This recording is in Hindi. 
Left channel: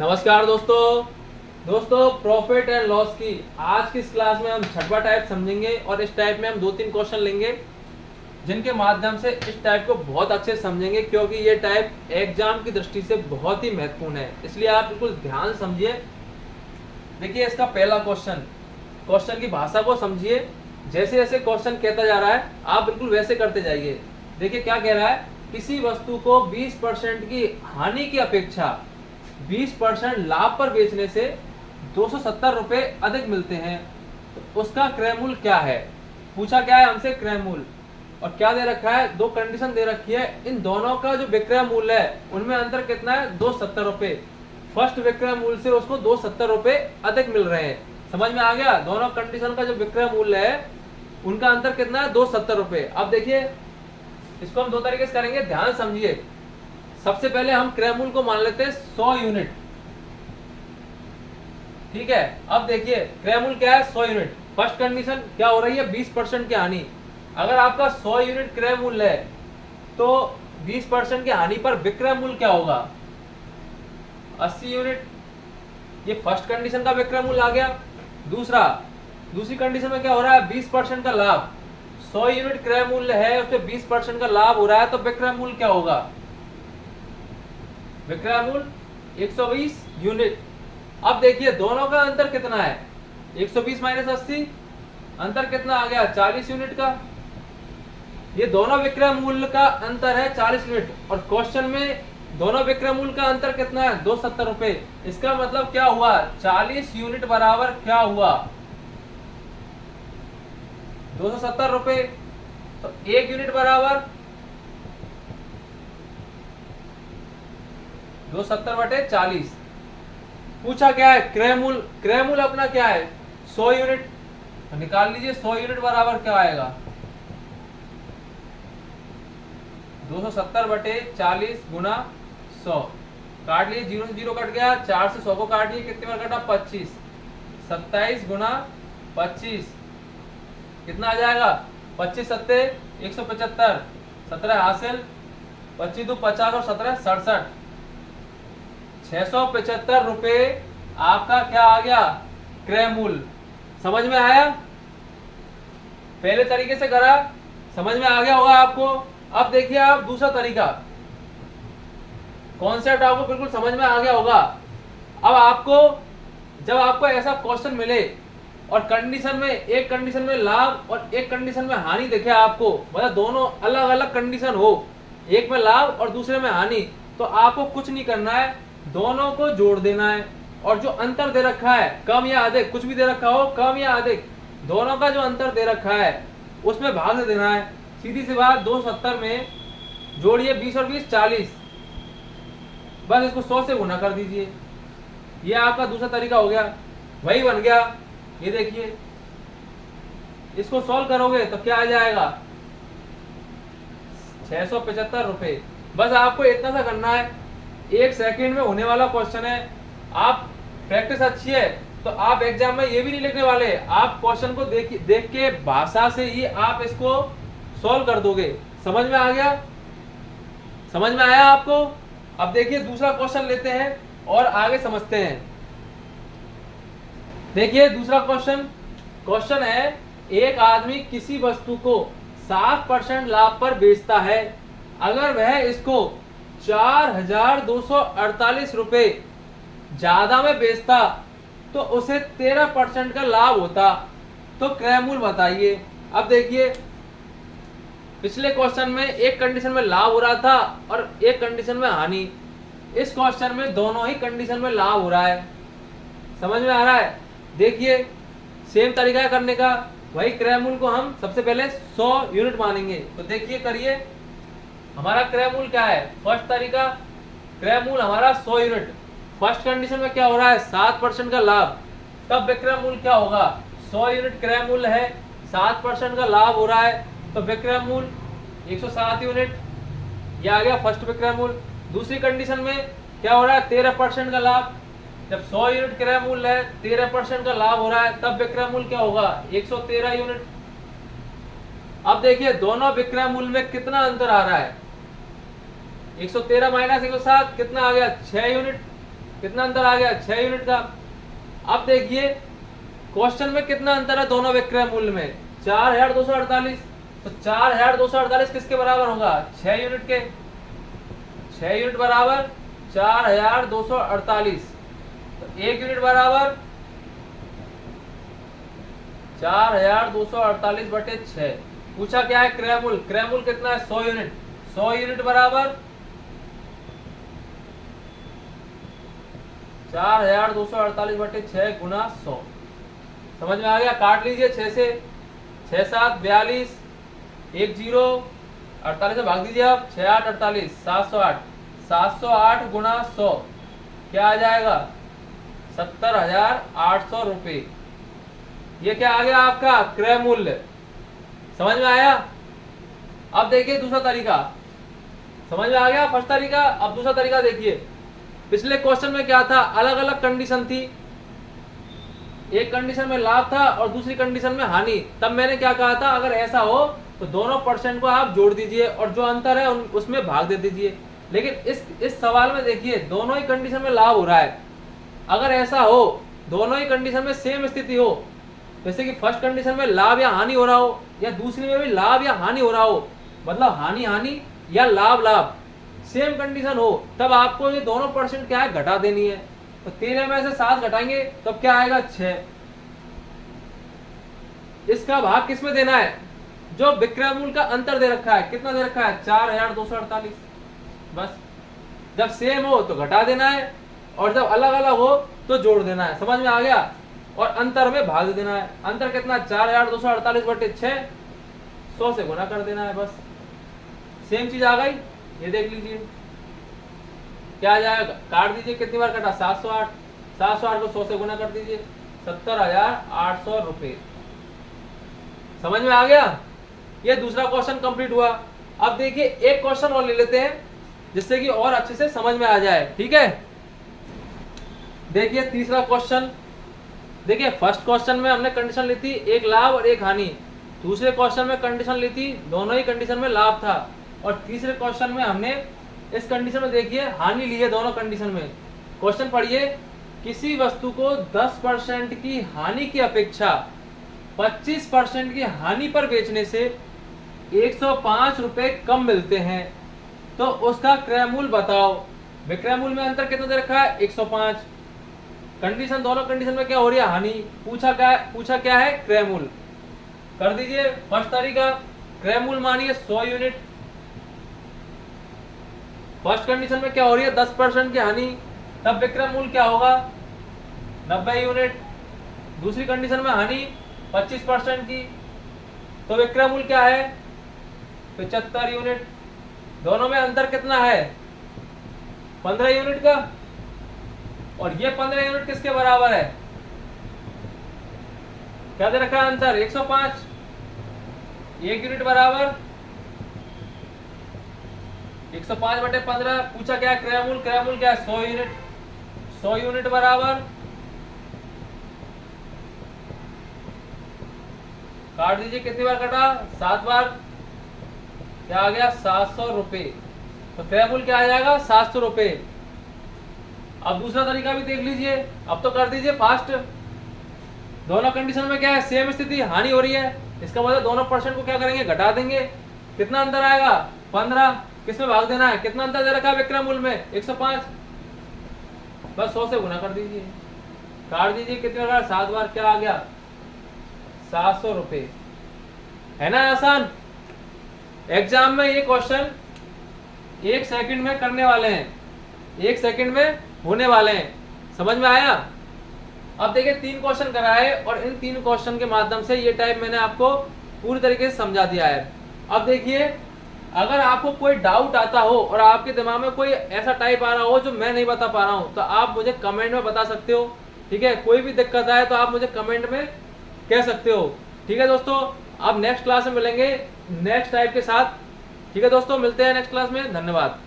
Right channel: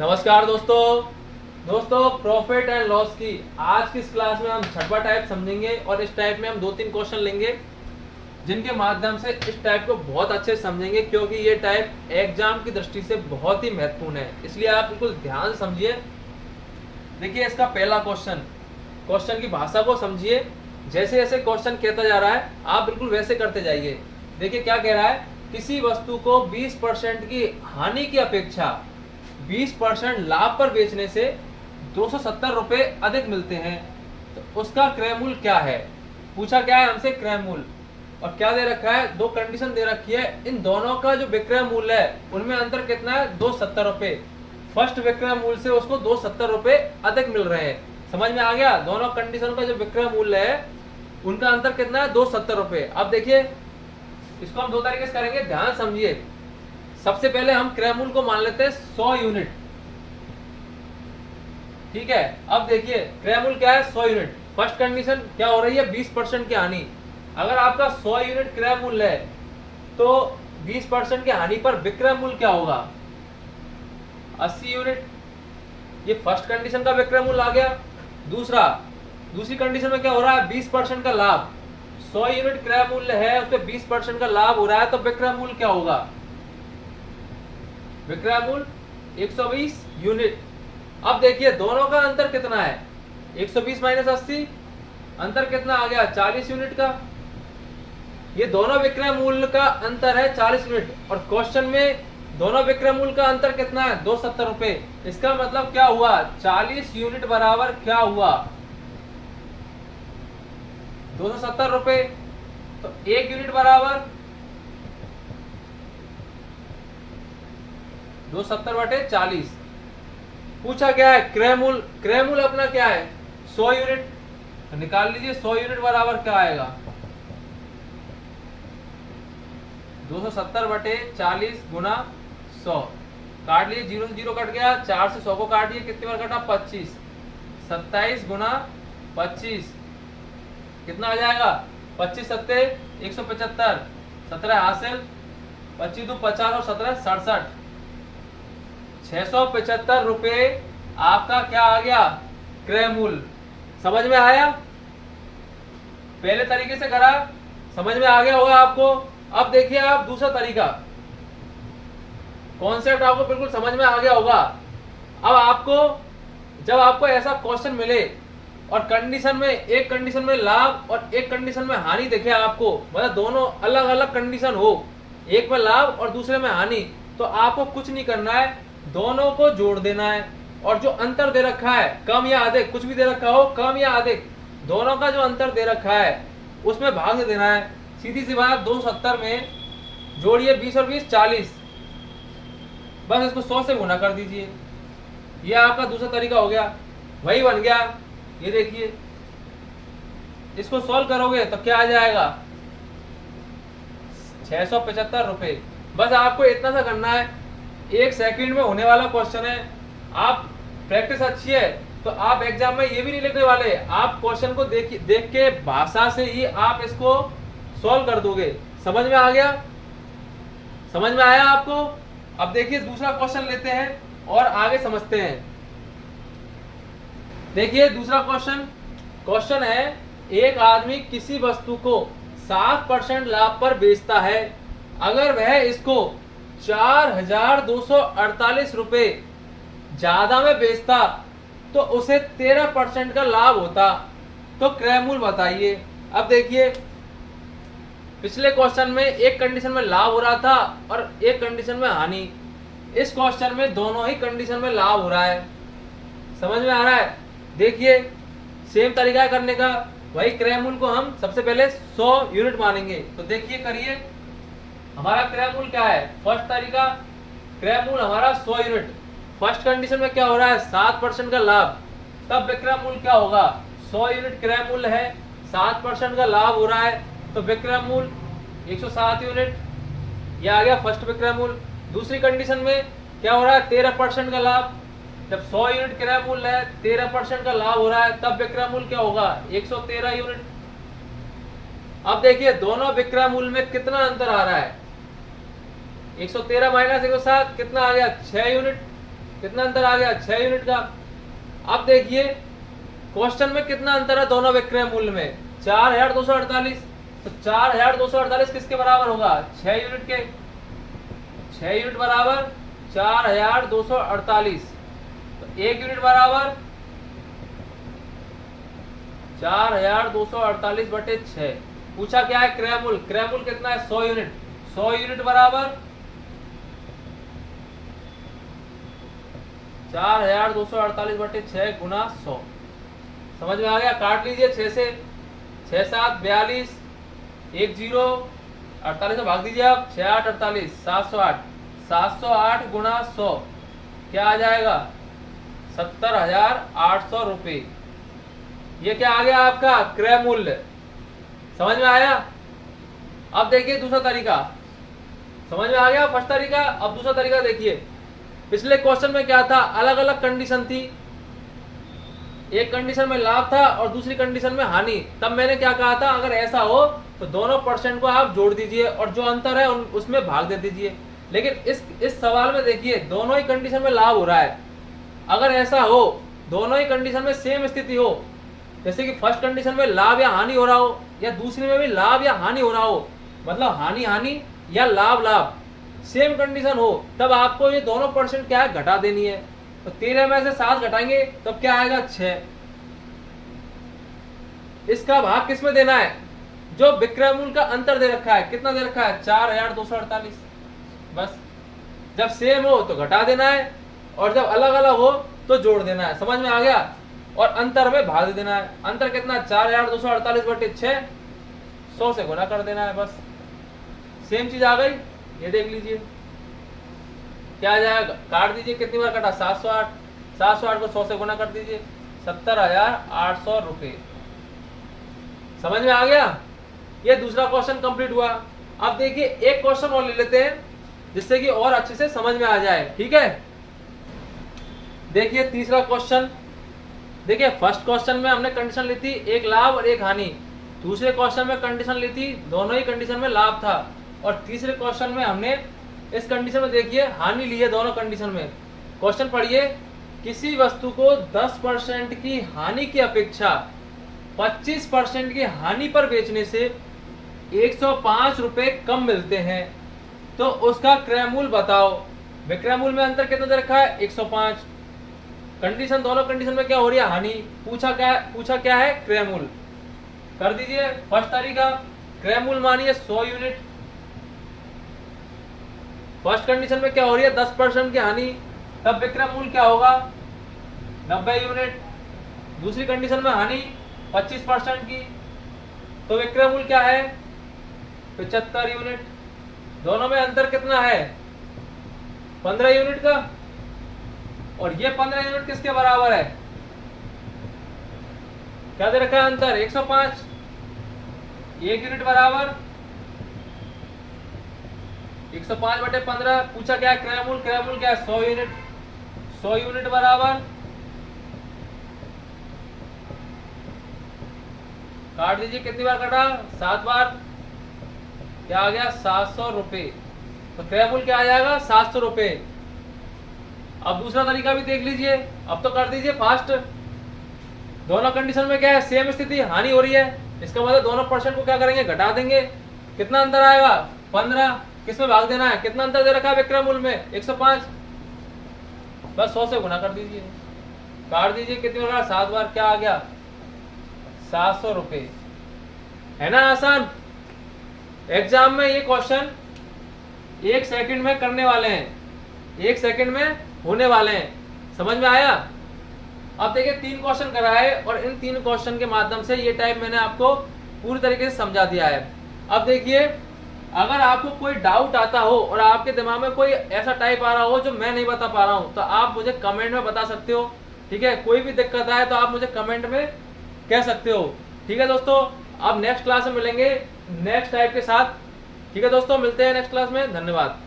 नमस्कार दोस्तों प्रॉफिट एंड लॉस की आज की इस क्लास में हम छठवां टाइप समझेंगे और इस टाइप में हम 2-3 क्वेश्चन लेंगे जिनके माध्यम से इस टाइप को बहुत अच्छे से समझेंगे, क्योंकि ये टाइप एग्जाम की दृष्टि से बहुत ही महत्वपूर्ण है। इसलिए आप बिल्कुल ध्यान से समझिए। देखिए इसका पहला क्वेश्चन की भाषा को समझिए। जैसे जैसे क्वेश्चन कहता जा रहा है आप बिल्कुल वैसे करते जाइए। देखिए क्या कह रहा है, किसी वस्तु को 20% की हानि की अपेक्षा 20% लाभ पर बेचने से 270 रुपए अधिक मिलते हैं, तो उसका क्रय मूल्य क्या है। पूछा क्या है हमसे, क्रय मूल्य। और क्या दे रखा है, दो कंडीशन दे रखी है। इन दोनों का जो विक्रय मूल्य है उनमें अंतर कितना है, 270 रुपए। फर्स्ट विक्रय मूल्य से उसको 270 रुपए अधिक मिल रहे हैं। समझ में आ गया। दोनों कंडीशन का जो विक्रय मूल्य है उनका अंतर कितना है, 270 रुपए। अब देखिए इसको हम दो तरीके से करेंगे, ध्यान समझिए। सबसे पहले हम क्रय मूल्य को मान लेते हैं 100 यूनिट, ठीक है। अब देखिए क्रय मूल्य क्या है, 100 यूनिट। फर्स्ट कंडीशन क्या हो रही है, 20% की हानि। अगर आपका 100 यूनिट क्रय मूल्य है तो 20% की हानि पर विक्रय मूल्य क्या होगा, 80 यूनिट। ये फर्स्ट कंडीशन का विक्रय मूल्य आ गया। दूसरी कंडीशन में क्या हो रहा है, 20% का लाभ। 100 यूनिट क्रय मूल्य है, उसमें 20% का लाभ हो रहा है, तो विक्रय मूल्य क्या होगा, विक्रय मूल्य 120 यूनिट। अब देखिए दोनों का अंतर कितना है, 120 माइनस 80, अंतर कितना आ गया, 40 यूनिट का। ये दोनों विक्रय मूल्य का अंतर है 40 यूनिट, और क्वेश्चन में दोनों विक्रय मूल्य का अंतर कितना है, 270 रुपए। इसका मतलब क्या हुआ, 40 यूनिट बराबर क्या हुआ, 270 रुपए। तो 1 यूनिट बराबर 270/40। पूछा क्या है, क्रय मूल्य अपना क्या है, 100 यूनिट। तो निकाल लीजिए 100 यूनिट बराबर क्या आएगा, 270/40 गुना 100। काट लिए, 0 से 0 कट गया, 4 से 100 को काटिए, कितनी बार कटा, 25। 27 गुना 25 कितना आ जाएगा, 25 सत्ते 175, 17 हासिल, 25 दो 50 और 17 67, 675 रुपए आपका क्या आ गया, क्रय मूल्य। समझ में आया, पहले तरीके से करा, समझ में आ गया होगा आपको। अब देखिए आप दूसरा तरीका, कॉन्सेप्ट आपको बिल्कुल समझ में आ गया होगा। अब आपको जब आपको ऐसा क्वेश्चन मिले और कंडीशन में, एक कंडीशन में लाभ और एक कंडीशन में हानि दिखे आपको, मतलब दोनों अलग अलग कंडीशन हो, एक में लाभ और दूसरे में हानि, तो आपको कुछ नहीं करना है, दोनों को जोड़ देना है। और जो अंतर दे रखा है, कम या अधिक, कुछ भी दे रखा हो, कम या अधिक, दोनों का जो अंतर दे रखा है उसमें भाग से देना है। सीधी सी बात, 270 में जोड़िए 20 और 20 40, बस इसको 100 से गुना कर दीजिए। ये आपका दूसरा तरीका हो गया, वही बन गया। ये देखिए इसको सॉल्व करोगे तो क्या आ जाएगा, 675 रुपए। बस आपको इतना सा करना है, 1 सेकंड में होने वाला क्वेश्चन है। आप प्रैक्टिस अच्छी है तो आप एग्जाम में ये भी नहीं लिखने वाले, आप क्वेश्चन को देख के भाषा से ही आप इसको सॉल्व कर दोगे। समझ में आ गया, समझ में आया आपको। अब देखिए दूसरा क्वेश्चन लेते हैं और आगे समझते हैं। देखिए दूसरा क्वेश्चन है, एक आदमी किसी वस्तु को 60% लाभ पर बेचता है। अगर वह इसको 4248 रुपए ज्यादा में बेचता तो उसे 13% का लाभ होता, तो क्रय मूल्य बताइए। अब देखिए पिछले क्वेश्चन में एक कंडीशन में लाभ हो रहा था और एक कंडीशन में हानि, इस क्वेश्चन में दोनों ही कंडीशन में लाभ हो रहा है। समझ में आ रहा है। देखिए सेम तरीका है करने का, वही क्रय मूल्य को हम सबसे पहले 100 यूनिट मानेंगे। तो देखिए करिए, हमारा क्रय मूल्य क्या है, फर्स्ट तरीका, क्रय मूल्य हमारा 100 यूनिट। फर्स्ट कंडीशन में क्या हो रहा है, 7% का लाभ, तब विक्रय मूल्य क्या होगा, 100 यूनिट क्रय मूल्य है, 7% का लाभ हो रहा है, तो विक्रय मूल्य 107 यूनिट। यह आ गया फर्स्ट विक्रय मूल्य। दूसरी कंडीशन में क्या हो रहा है, 13% का लाभ, जब 100 यूनिट क्रय मूल्य है, 13% का लाभ हो रहा है, तब विक्रय मूल्य क्या होगा, 113 यूनिट। अब देखिए दोनों विक्रय मूल्य में कितना अंतर आ रहा है, 113 माइनस 107 कितना आ गया, 6 यूनिट। कितना अंतर आ गया, 6 यूनिट का। अब देखिए क्वेश्चन में कितना अंतर है दोनों विक्रय मूल्य में, 4248। तो 4248 किसके बराबर होगा, 6 यूनिट के। 6 यूनिट बराबर 4248, तो 1 यूनिट बराबर 4248 बटे 6। पूछा क्या है, क्रय मूल्य। क्रय मूल्य कितना है, 100 यूनिट। 100 यूनिट बराबर 4248 बटे 6 गुना 100। समझ में आ गया, काट लीजिए 6 से, 6 7 42, 1 0, 48 से भाग दीजिए आप, 6 8 48, 708। 708 गुना 100 क्या आ जाएगा, 70,800 रुपए। ये क्या आ गया आपका क्रय मूल्य। समझ में आया। अब देखिए दूसरा तरीका, समझ में आ गया फर्स्ट तरीका। अब दूसरा तरीका देखिए, पिछले क्वेश्चन में क्या था, अलग अलग कंडीशन थी। एक कंडीशन में लाभ था और दूसरी कंडीशन में हानि। तब मैंने क्या कहा था, अगर ऐसा हो तो दोनों परसेंट को आप जोड़ दीजिए और जो अंतर है उसमें भाग दे दीजिए। लेकिन इस सवाल में देखिए दोनों ही कंडीशन में लाभ हो रहा है। अगर ऐसा हो, दोनों ही कंडीशन में सेम स्थिति हो, जैसे कि फर्स्ट कंडीशन में लाभ या हानि हो रहा हो या दूसरी में भी लाभ या हानि हो रहा हो, मतलब हानि हानि या लाभ लाभ, सेम कंडीशन हो, तब आपको ये दोनों परसेंट क्या है, घटा देनी है। तो 13 में से 7 घटाएंगे तब क्या आएगा, 6। इसका भाग किस में देना है, जो विक्रय मूल्य का अंतर दे रखा है। कितना दे रखा है, 4248। बस जब सेम हो तो घटा देना है और जब अलग अलग हो तो जोड़ देना है। समझ में आ गया। और अंतर में भाग दे देना है। अंतर कितना, 4248 बटे 6, 100 से गुना कर देना है। बस सेम चीज आ गई। ये देख लीजिए क्या आ जाएगा, काट दीजिए, कितनी बार कटा, 708। 708 को 100 से गुना कर दीजिए, 70,800 रुपए। समझ में आ गया। ये दूसरा क्वेश्चन कंप्लीट हुआ। अब देखिए एक क्वेश्चन और ले लेते हैं जिससे कि और अच्छे से समझ में आ जाए। ठीक है, देखिए तीसरा क्वेश्चन। देखिए फर्स्ट क्वेश्चन में हमने कंडीशन ली थी एक लाभ और एक हानि। दूसरे क्वेश्चन में कंडीशन ली थी दोनों ही कंडीशन में लाभ था। और तीसरे क्वेश्चन में हमने इस कंडीशन में देखिए हानि ली है दोनों कंडीशन में। क्वेश्चन पढ़िए, किसी वस्तु को 10% की हानि की अपेक्षा 25% की हानि पर बेचने से 105 रुपए कम मिलते हैं, तो उसका क्रय मूल्य बताओ। विक्रय मूल्य में अंतर कितना दे रखा है, 105। कंडीशन, दोनों कंडीशन में क्या हो रही है, हानि। पूछा क्या है, क्रय मूल्य। कर दीजिए फर्स्ट तरीका, क्रय मूल्य मानिए 100 यूनिट। फर्स्ट कंडीशन में क्या हो रही है, 10% की हानि, तब विक्रय मूल्य क्या होगा, 90 यूनिट। दूसरी कंडीशन में हानि 25% की, तो विक्रय मूल्य क्या है, 75 यूनिट। दोनों में अंतर कितना है, 15 यूनिट का। और ये 15 यूनिट किसके बराबर है, क्या दे रखा है अंतर, 105। 1 यूनिट बराबर 105 बटे 15। पूछा क्या है, क्रय मूल्य। क्रय मूल्य क्या है, 100 यूनिट। 100 यूनिट बराबर, काट दीजिए, कितनी बार कटा, 7 बार। क्या आ गया, 700 रुपए। तो क्रय मूल्य क्या आ जाएगा, 700 रुपए। अब दूसरा तरीका भी देख लीजिए। अब तो कर दीजिए फास्ट। दोनों कंडीशन में क्या है, सेम स्थिति, हानि हो रही है। इसका मतलब दोनों परसेंट को क्या करेंगे, घटा देंगे। कितना अंतर आएगा, 15। किसमें भाग देना है, कितना अंतर दे रखा है विक्रय मूल्य में, 105। बस 100 से गुना कर दीजिए, काट दीजिए, कितने बार, 7 बार। क्या आ गया, 700 रुपए। है ना आसान। एग्जाम में ये क्वेश्चन 1 सेकंड में करने वाले हैं, 1 सेकंड में होने वाले हैं। समझ में आया। अब देखिए 3 क्वेश्चन कराए और इन 3 क्वेश्चन के माध्यम से ये टाइप मैंने आपको पूरी तरीके से समझा दिया है। अब देखिए अगर आपको कोई डाउट आता हो और आपके दिमाग में कोई ऐसा टाइप आ रहा हो जो मैं नहीं बता पा रहा हूं, तो आप मुझे कमेंट में बता सकते हो। ठीक है, कोई भी दिक्कत आए तो आप मुझे कमेंट में कह सकते हो। ठीक है दोस्तों, अब नेक्स्ट क्लास में मिलेंगे नेक्स्ट टाइप के साथ। ठीक है दोस्तों, मिलते हैं नेक्स्ट क्लास में। धन्यवाद।